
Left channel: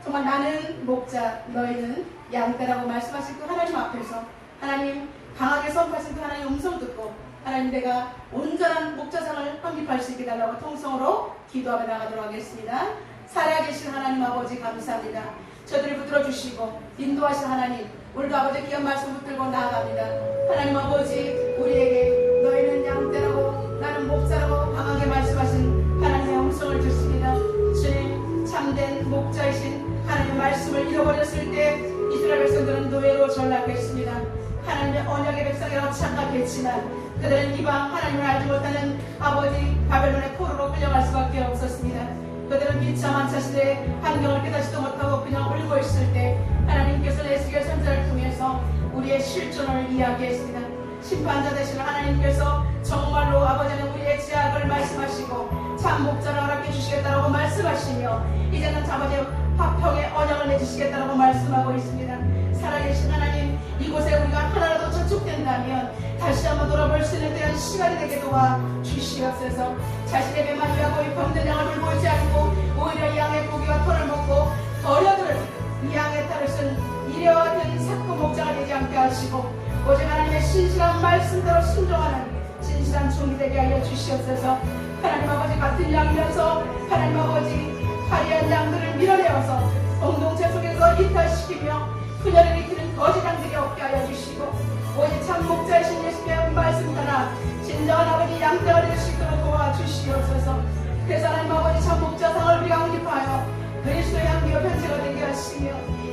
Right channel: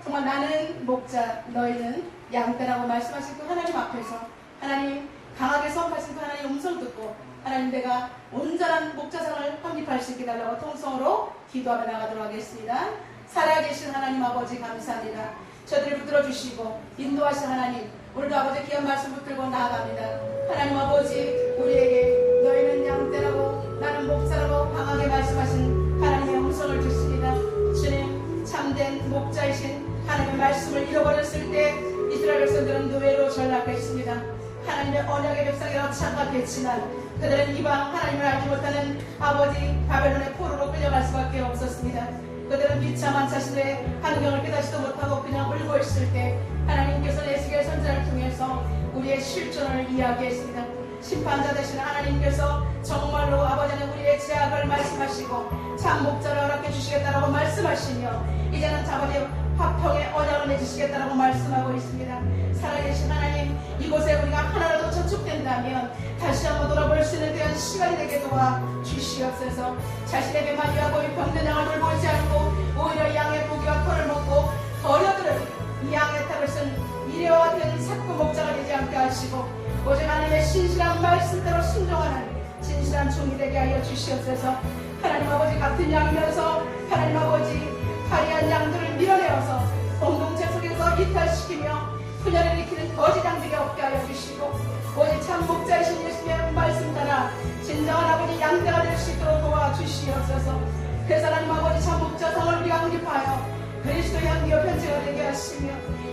정말 나는 목자 너희는 양떼라고 말씀하신 그 하나님 앞에서 하나님 강하게 선포하신 그 하나님 음성 듣고 하나님 내가 온전한 목자상을 확립할 수 있게 달라고 통성으로 기도하며 나가도록 하겠습니다. 살아계신 하나님 아버지 감사합니다. 저들을 붙들어 주시고 인도하신 하나님 오늘도 아버지 귀한 말씀 붙들고 나아갑니다. 하나님 아버지 우리에게 너희는 양떼라고 나는 목자라고 강하게 말씀하신 하나님의 음성을 듣습니다. 주님 참된 목자이신 하나님의 말씀을 잃어버렸을 때 이스라엘 백성들은 노예로 전락했습니다. 하나님의 언약의 백성이라고 착각했지만 그들은 이방 하나님을 알지 못하는 아버지 바벨론의 포로로 끌려갈 수밖에 없었습니다. 그들은 비참한 자신의 환경을 깨닫지도 못하고 그냥 울고 있을 때 하나님께서 에스겔 선지자를 통해서 우리의 실존을 이야기했습니다. 심판자 되시는 하나님께서 정말로 아버지는 우리의 죄악을 말씀하시고 참 목자를 허락해 주시겠다라고 말씀하시며 이제는 아버지 화평의 언약을 내주시겠다라고 말씀하고 있습니다. 살아계신 하나님 이곳에 우리가 하나라도 저축된다면 다시 한번 돌아볼 수 있는 대한 시간이 되게 도와 주시옵소서. 자신에게만 일하고 이 병든 양을 돌보지 않고 오히려 양의 고기와 털을 먹고 버려들은 이 양의 털을 쓴 이려된 사꾼 목자가 되지 않게 하시고 오직 하나님의 신실한 말씀대로 순종하는 진실한 종이 되게 하여 주시옵소서. 하나님 아버지 같은 양이어서 하나님 아버지 화려한 양들을 밀어내어서 공동체 속에서 이탈시키며 분열을 일으키는 거짓 양들이 없게 하여 주시고 오직 참 목자이신 예수님의 말씀 따라 진정한 아버지 양떼가 될 수 있도록 도와주시옵소서. 그래서 하나님 아버지 참 목자상을 우리가 확립하여 그리스도의 향기로 변체가 되게 하시며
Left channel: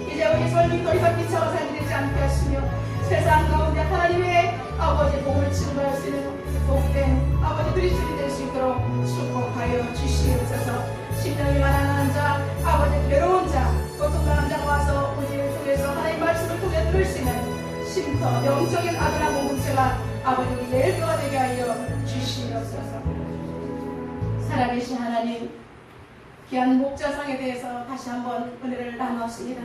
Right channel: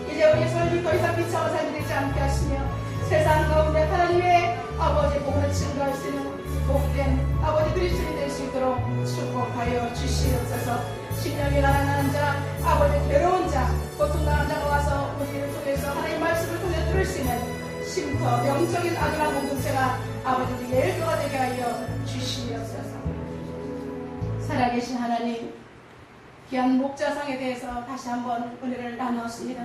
이제 우리의 삶이 더 이상 비참한 삶이 되지 않게 하시며 세상 가운데 하나님의 아버지 복음을 증거할 수 있는 복된 아버지 그리스도인이 될 수 있도록 축복하여 주시옵소서. 심령이 가난한 자 아버지 괴로운 자 고통당한 자가 와서 우리를 통해서 하나님의 말씀을 통해 들을 수 있는 쉼터 영적인 아들한 공동체가 아버지 우리 예일교가 되게 하여 주시옵소서. 살아계신 하나님 귀한 목자상에 대해서 다시 한번 은혜를 나누었습니다.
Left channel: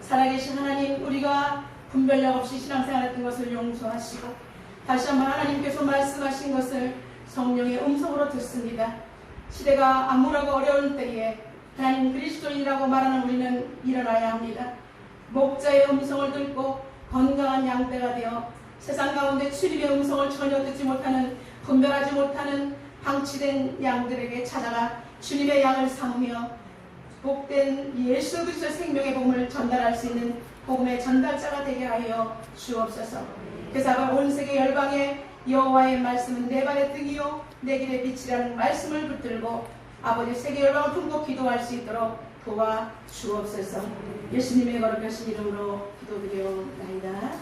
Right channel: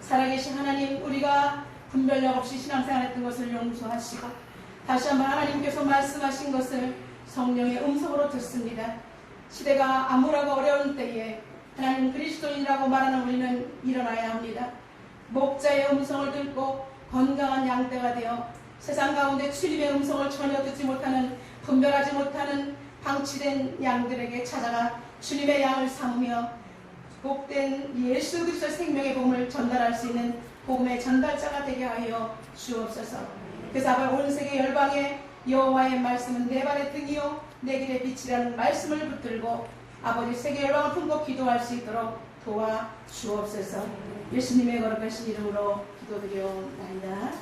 살아계신 하나님 우리가 분별력 없이 신앙생활했던 것을 용서하시고 다시 한번 하나님께서 말씀하신 것을 성령의 음성으로 듣습니다. 시대가 암울하고 어려운 때에 하나님 그리스도인이라고 말하는 우리는 일어나야 합니다. 목자의 음성을 듣고 건강한 양떼가 되어 세상 가운데 주님의 음성을 전혀 듣지 못하는 분별하지 못하는 방치된 양들에게 찾아가 주님의 양을 삼으며 복된 예수 그리스도의 생명의 복음을 전달할 수 있는 복음의 전달자가 되게 하여 주옵소서. 그래서 온 세계 열방에 여호와의 말씀은 내 발의 등이요 내 길의 빛이라는 말씀을 붙들고 아버지 세계 열방을 품고 기도할 수 있도록 도와 주옵소서. 예수님의 거룩하신 이름으로 기도드리옵나이다.